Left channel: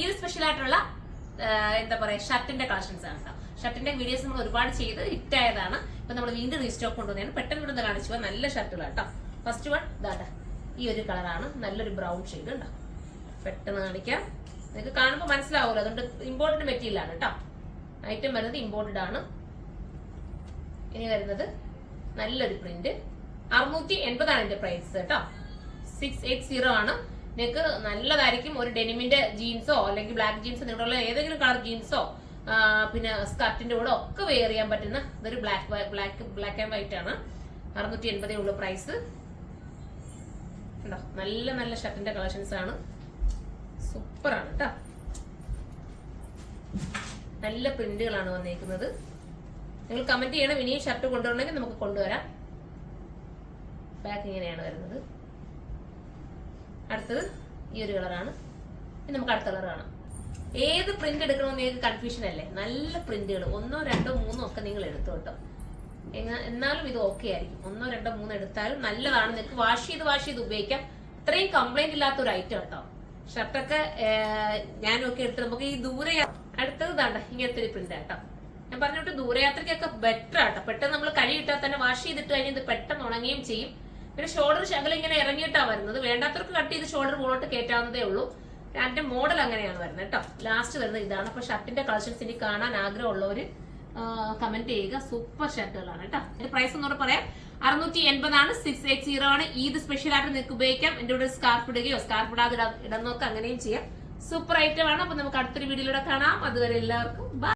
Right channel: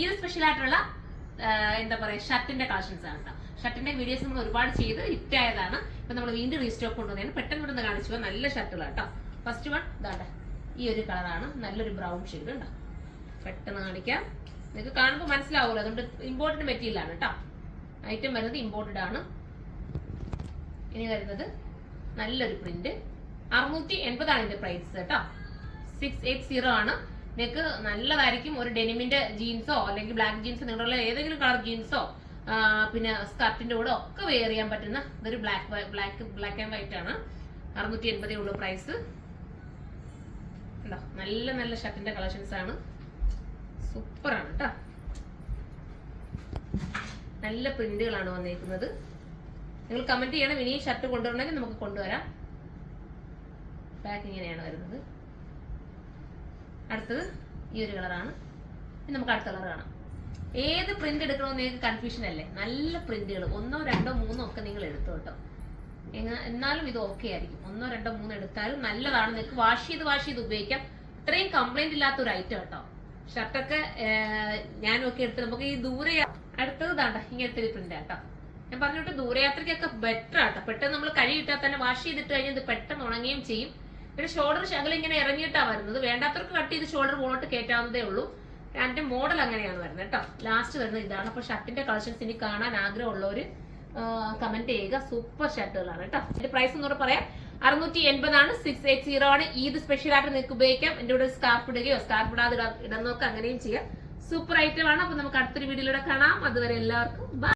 Eid special ആയിട്ടുള്ള എന്താ പറയാ ഷർട്ടിന്റെ കളക്ഷൻസ് ആണ് കേട്ടോ. ഷർട്ടിന്റെ വീഡിയോസ് നമ്മൾ ഒരുപാട് ചെയ്ത് ഹിറ്റ് ആയതാണ്. ഇപ്പൊ നമ്മൾ വീണ്ടും റീസ്റ്റോക്ക് കൊണ്ടുവന്നതാണ്. പെട്ടെന്ന് ഇവിടെ കാണിച്ചു നല്ല ഷർട്ടുകളാണ് കേട്ടോ. ഫസ്റ്റ് വൺ ഇതാണ്ട ഈ ഒരു കളറാണ്, നല്ലൊരു ബ്രൗൺ ഷെയ്ഡ് ഉണ്ടോ. പെട്ടെന്ന് കാണിക്കാം, നിങ്ങൾക്ക് കാണുമ്പോൾ മനസ്സിലാവുമല്ലോ. അതുകൊണ്ട് ഇമ്പോർട്ടഡ് മെറ്റീരിയൽ ആണ് കേട്ടോ. ഐറ്റം വരുന്നത് ഇമ്പോർട്ടഡ് ആണ്. ഇനി വരുന്നത് നല്ലൊരു പ്രിന്റ് 680 ഇതിന്റെ പ്രൈസ് കേട്ടോ. 680 ആണ്. നിങ്ങൾക്ക് നല്ലതായിരിക്കും. ഒരു ഡെനിമിന്റെ ജീൻസോ അല്ലെങ്കിൽ ബ്ലാക്ക് ജീൻസോ നിങ്ങളുടെ ഏതെങ്കിലും കളർ ജീൻസോ പിന്നെ സ്കർട്ടിന്റെ കൂടെ ഒക്കെ വെയർ ചെയ്യാൻ പറ്റുന്ന ഇതൊരു ബ്ലാക്ക് ആൻഡ് വൈറ്റ് ആണ്. 680 ഉള്ള പ്രൈസ് ഉണ്ടോ. നല്ല നല്ല ഷർട്ടിന്റെ കളക്ഷൻസ് ആണ്, സൂപ്പർ ആണ് കേട്ടോ. നല്ല പ്രിന്റുകളാണ് വന്നേക്കുന്നത്. നിങ്ങൾ കമന്റ് ചെയ്യണം ഇനി ഷർട്ട് കൊണ്ടുവരണമെങ്കിൽ നമുക്ക് കൊണ്ടുവരാം. ബാക്ക് ഇങ്ങനെയാണ് വരുന്നത്. അടുത്തത് ഈ ഒരു കളറാണ്. ഇനി നമുക്ക് അടുത്ത കളർ കാണാം. ഏത് പ്രിന്റ് എടുക്കണമെന്ന് നിങ്ങൾക്ക് കൺഫ്യൂഷൻ അല്ലേ. നല്ല പ്രിന്റുകൾ 1, 2, 3 ഒക്കെ നിങ്ങൾ എടുത്തു കേട്ടോ. എന്നാലും ഇത് ഓക്കെ ആയിരിക്കും. 1, 2, 3 എടുത്താലും നല്ലതാണ്. നിങ്ങൾക്ക് വാഷ് ചെയ്ത് ഉപയോഗിക്കാം. ഇത്രയും കംപ്ലൈന്റ് ഇല്ലാത്ത ഒരു ഐറ്റം കേട്ടോ. ഷർട്ടൊക്കെ ഞാനൊക്കെ എടുത്ത് നമുക്ക് ഈ അടുത്തത് താണ്ട ഇങ്ങനത്തെ ഒരു പ്രിന്റ് കേട്ടോ. ഞാൻ പറഞ്ഞിട്ട് ദൂരയാത്രയ്ക്കൊക്കെ ബെറ്റർ ആട്ടോ. പെട്ടെന്ന് നമ്മൾ കഴിയിട്ടാൽ തന്നെ വാഷ് ചെയ്തിട്ട് കഴിഞ്ഞാൽ ഇത് പെട്ടെന്ന് ഉണങ്ങുകയും ചെയ്യും. പിന്നെ ഷോൾഡർ ശകലം ഇങ്ങനെ ഇറങ്ങിയിട്ടാ വരുന്നത്. വേണ്ടാത്തവർക്ക് കട്ട് ചെയ്ത് ഷോൾഡർ മുകളിലോട്ട് കയറ്റാവുന്നതേ ഉള്ളൂ. അതിന്റെ മോഡൽ അങ്ങനെയാണ് വരുന്നത് കേട്ടോ. ലാസ്റ്റ് വരുന്നത് ഇതാണ്. അപ്പൊ ഷർട്ടിന്റെ കളക്ഷൻസ് ഇനി കാണാൻ ആഗ്രഹമുള്ളവര് കമന്റ് ചെയ്യുക. സൂപ്പർ ഷർട്ടുകളാണ് കേട്ടോ. ഇതിന്റെ പ്രൈസ് ഒന്നുകൂടെ പറയാം. 680 ആണ്. 680 ആണ്. ഈദ് സ്പെഷ്യൽ ആയിട്ട് നിങ്ങൾക്ക് ഉപയോഗിക്കാം. എന്റെ കൂടെ സ്കാർഫ് ഇടുകയോ സ്കാർഫ് ഇടാതെ ഇടാൻ നോക്കുക, അങ്ങനെയും ചെയ്യാം. സൂപ്പർ ഐറ്റം ആണ്. അപ്പൊ നമുക്ക് അടുത്തൊരു വീഡിയോയിലൂടെ കാണാം. അതുവരെ എല്ലാവർക്കും ബൈ.